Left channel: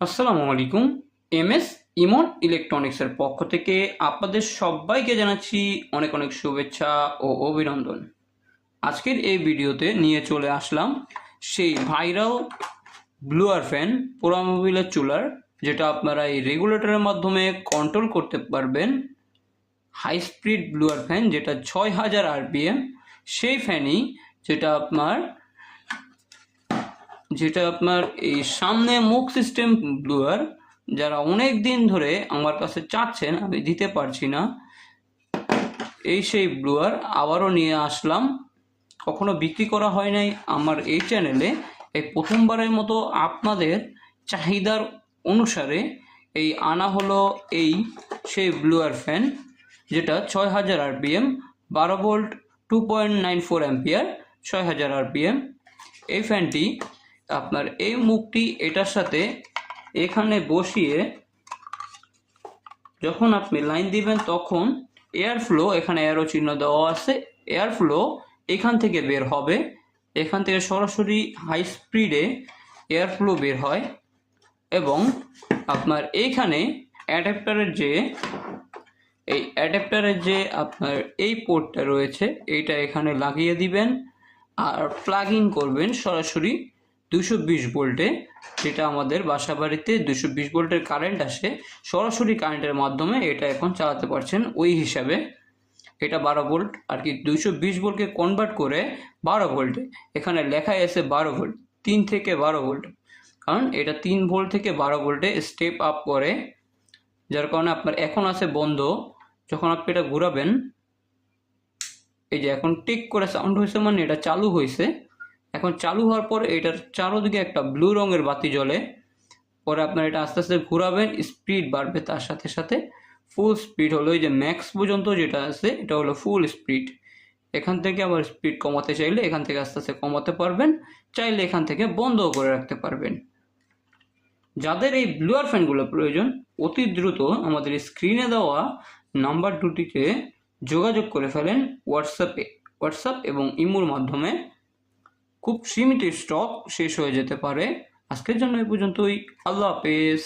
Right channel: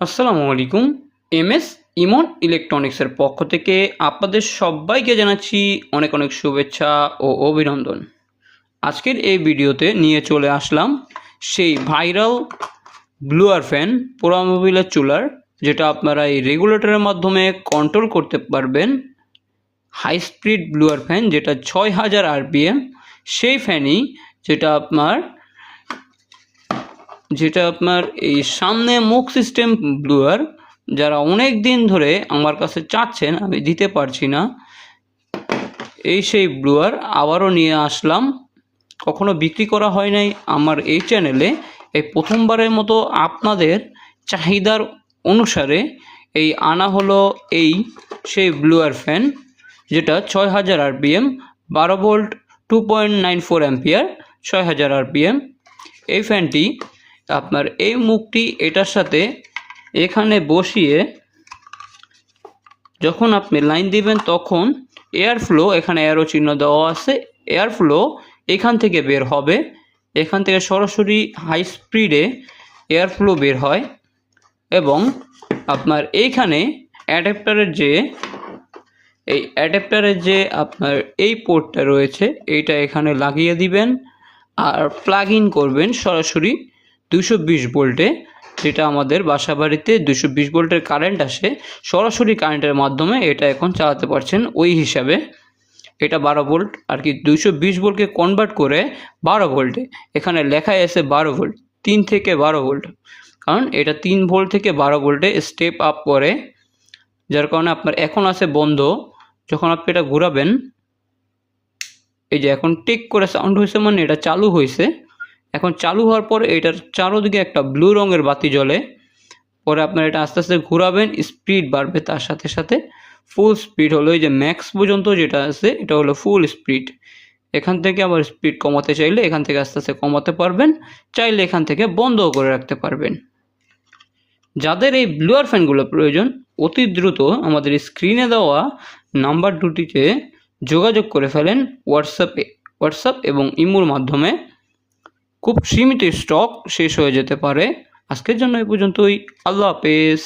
আসসালামু আলাইকুম। এমএস ইমন ইলেকট্রনিক্সের পক্ষ থেকে আপনাদের সবাইকে জানাচ্ছি অনেক অনেক শুভেচ্ছা ও অভিনন্দন। আজকের এই ভিডিওতে নিয়ে চলে আসলাম সেই ভাইরাল ব্লুয়ার ফ্যান পোড়া মোবিলের চুলার, যেটা আপনারা এই রেগুলেটরের মাধ্যমে কন্ট্রোল করতে পারবেন। হাই স্পিড ব্লুয়ার ফ্যান, যেটা 6000 আরপিএম, সেই ফ্যানই যেটা আপনার এই সামনে মুখ সিস্টেম ব্লুয়ার, যারা অনেক দিন ধরে আমার কাছে চাচ্ছেন, আমি দিতে পারছি না। এই সেই ব্লুয়ার আবারও নিয়ে আসলাম, কখনো বিক্রি করা হয় নাই আমার এই চ্যানেলে। এই প্রথমবারের মতো আপনাদের চাহিদার অনুসারে এই আনা হলো এই সেই ব্লুয়ার ফ্যান, যেটা 6000 আরপিএম, 12 ভোল্ট, 2.94 অ্যাম্পিয়ার, 6000 আরপিএম। এই ফ্যানটি আপনার এই মুখটি এটার সাথে এখানে বসিয়ে যখন আপনি লাইন দিবেন, তখন এয়ার ফ্লো, এখানে অ্যারো চিহ্ন দেওয়া আছে, এয়ার ফ্লো এখান থেকে বের হবে। এখান থেকে সরাসরি হাই স্পিডে এয়ার ফ্লো বের হয়। এবং আপনার এইখানে অ্যাডাপ্টারের যে আপনার এই পোর্টটা রয়েছে, এইটা এখানে লাগিয়ে দিবেন আর প্লাগ ইন করবেন সরাসরি 220 ভোল্টে। যেটা আমাদের বাসা বাড়িতে 220 ভোল্টের কারেন্ট আসে, সরাসরি কারেন্টের মাধ্যমে এটা এখন চালাতে পারছেন। ওই হিসাবে এটা 12 ভোল্ট আর কি, 220 ভোল্টকে কনভার্ট করে 12 ভোল্টে, এখানে লেখায় আছে 12 ভোল্ট, 3 থেকে 12 ভোল্ট, কারণ এটা 3 ভোল্ট থেকে 12 ভোল্টে স্টেপ আপ করে। যার কারণে আপনার এখন আছে বন্ধ, যখন আপনি এটা ঘোরাবেন, এই যে এখন টিক করে সাউন্ড হয়েছে, মানে এটা চালু হয়েছে। এখন চালু হওয়ার পর এটার চারোদিকে একটা ব্লু রঙের বাতি জ্বলে। পরে আপনার এটা আস্তে আস্তে ঘোরাবেন, স্পিড বাড়বে তার সাথে সাথে। ফুল স্পিড হলো এই যে ম্যাক্স পর্যন্ত যেটা আছে, এটা হলো ফুল স্পিড। এখান থেকে আবার স্পিড কমাতে চাইলে এখান থেকে আস্তে আস্তে কমাতে পারবেন, চাইলে এখান থেকে বন্ধও করে রাখতে পারবেন। যাদের এই ব্লুয়ার ফ্যানগুলো প্রয়োজন, অতি দ্রুত আমাদের স্ক্রিনে দেওয়া নাম্বার দুটিতে যোগাযোগ করে ফেলেন হোয়াটসঅ্যাপ এবং ইমোর মাধ্যমে। খুব সীমিত স্টক শেষ হয়ে যেতে পারে। আজকের জন্য এই পর্যন্তই। আল্লাহ হাফেজ।